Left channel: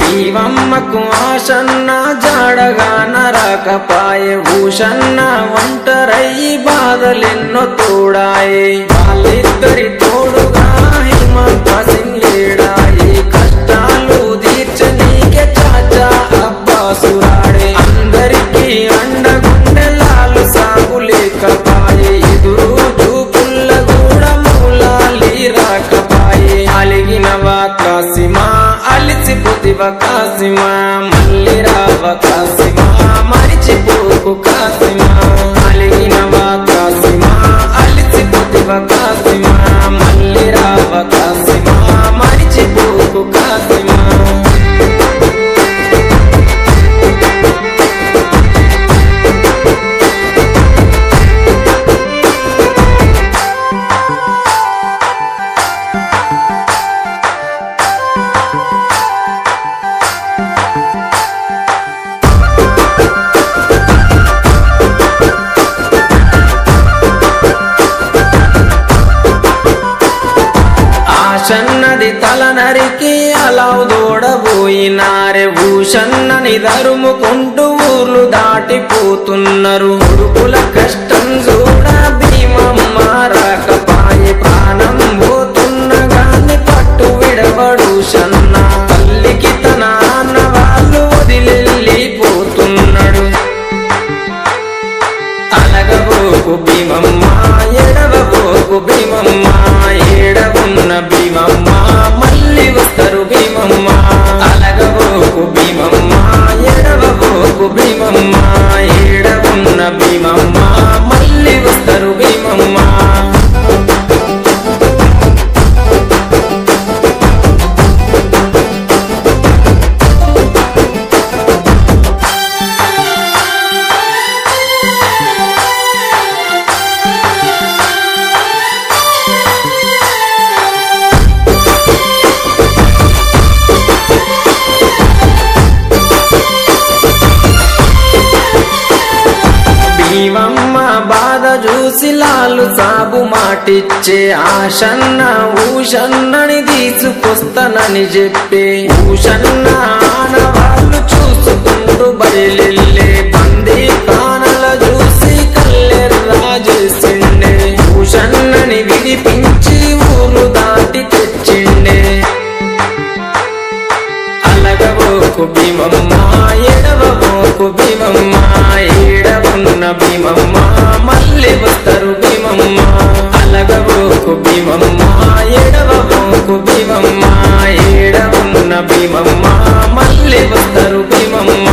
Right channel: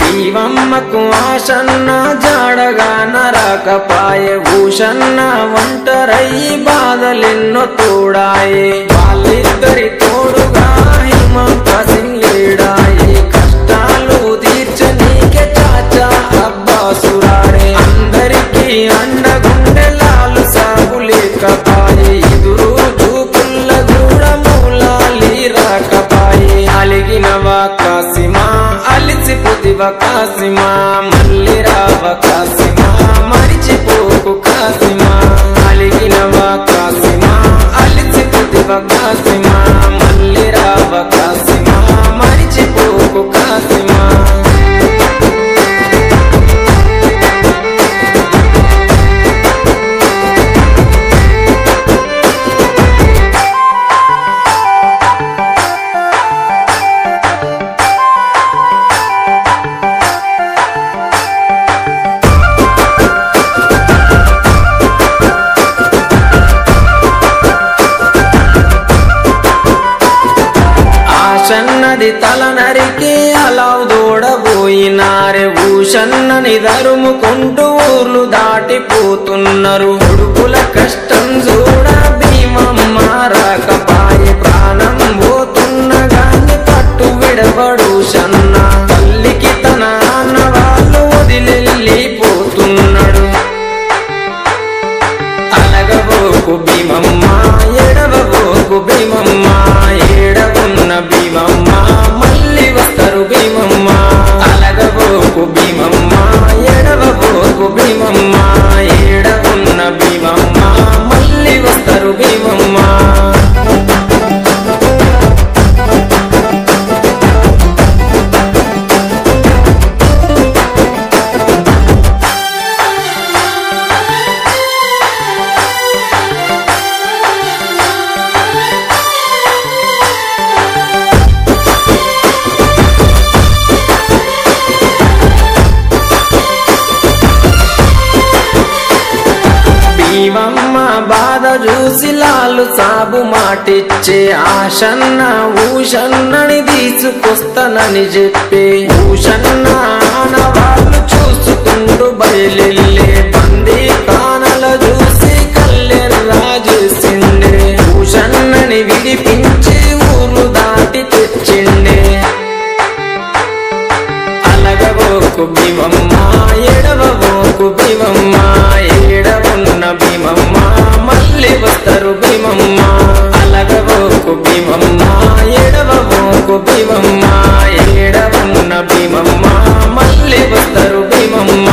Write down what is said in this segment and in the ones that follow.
భీమమ్మకు ఆశన్న జాడగా నరకపాయే భూషన్న ఒంటరయ్యి బాధలెన్నో తోడాయే వాళ్ళిద్దరి తోడుగా హిమంత సింగ్ లేడాయే కష్టాలు తీర్చనీకే చాచా అబ్బాసురాడే అందరికీ అండగుండె లాలు సాగు లేకపాయే ఎదురు చూపుల్ల కూడా మూలాలి రాకపాయే అలిగినవా కాసిమా అలిసిపోతివ కాసిమా మళ్ళీ రావ కాసిమా మరిచిపోకు కాసిమా అలిగినవా కాసిమా అలిసిపోతివ కాసిమా మళ్ళీ రావ కాసిమా మరిచిపోకు కాసిమా ఆశన్నది తల నరికి అలావు దూడబోయినారే భూషన్నని దరుముకుంటూ ఊర్లు దాటిపోతున్నారు కొడుకుల కష్టం చూడ భీమమ్మ రాకపాయే ప్రాణం పోతున్న గాని పట్టు విడవడు షన్న తల్లికి తన అన్న వాళ్ళు వదిలెళ్ళిపోతున్నాడు అలగబోకు భీమమ్మ ఎడవబోకు భీమమ్మ ఏడవున్న భీమమ్మ మళ్ళీ వస్తారు భీమమ్మ అలగబోకు భీమమ్మ ఎడవబోకు భీమమ్మ ఏడవున్న భీమమ్మ మళ్ళీ వస్తారు భీమమ్మ భీమమ్మ బాధ చూసి లాలు సాబు మాటిచ్చే ఆశన్న ఊషన్నని తీసుకొస్తానని చెప్పే ఊషన్న ఆనవాళ్ళు చూసుకుంటూ బయలెళ్ళే బందీ కానల చూసి కల్లెర్రా చేసిండే ఊషన్నని విడిపించి ఊరు దాటి తెచ్చిండే అలగబోకు భీమమ్మ ఎడవబోకు భీమమ్మ ఏడవున్న భీమమ్మ మళ్ళీ వస్తారు భీమమ్మ అలగబోకు భీమమ్మ ఎడవబోకు భీమమ్మ ఏడవున్న భీమమ్మ మళ్ళీ వస్తారు భీమమ్మ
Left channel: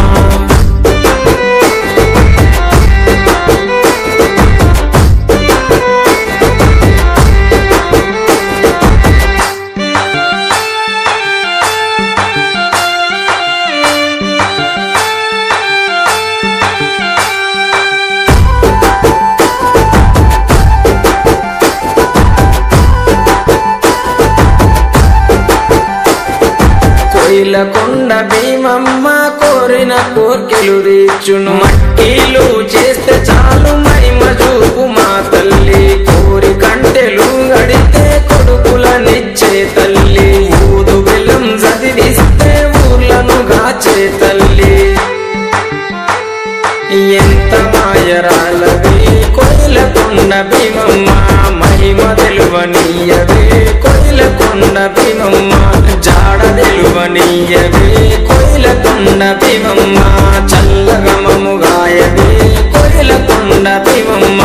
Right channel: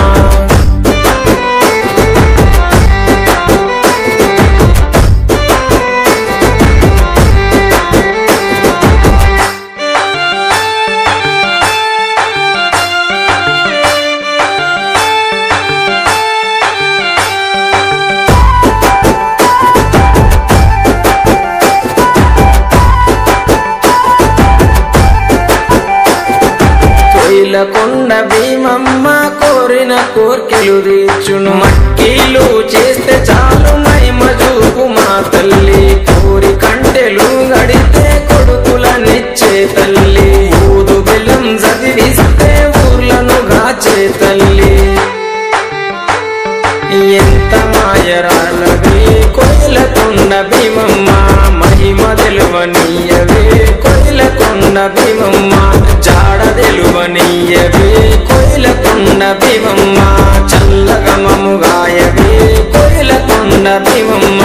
కొయిలకొండ భీమమ్మ కోరిన కోర్కెలు తీర్చును మట్టిలు చేస్తే చాలు మహిమ చూపు మా తల్లి కోరి కంటెలు గడితే కొడుకులనిచ్చే తల్లి ఊదు బెల్లం చదివిస్తే ఊర్లను గాచే తల్లి ఎంత మాయరాలవే కొయిలకొండ భీమమ్మ మహిమ తెలువనీయవే కొయిలకొండ భీమమ్మ జాడ తెలువనీయవే కొయిలకొండ భీమమ్మ చల్లగమము గాయవే కొయిలకొండ భీమమ్మ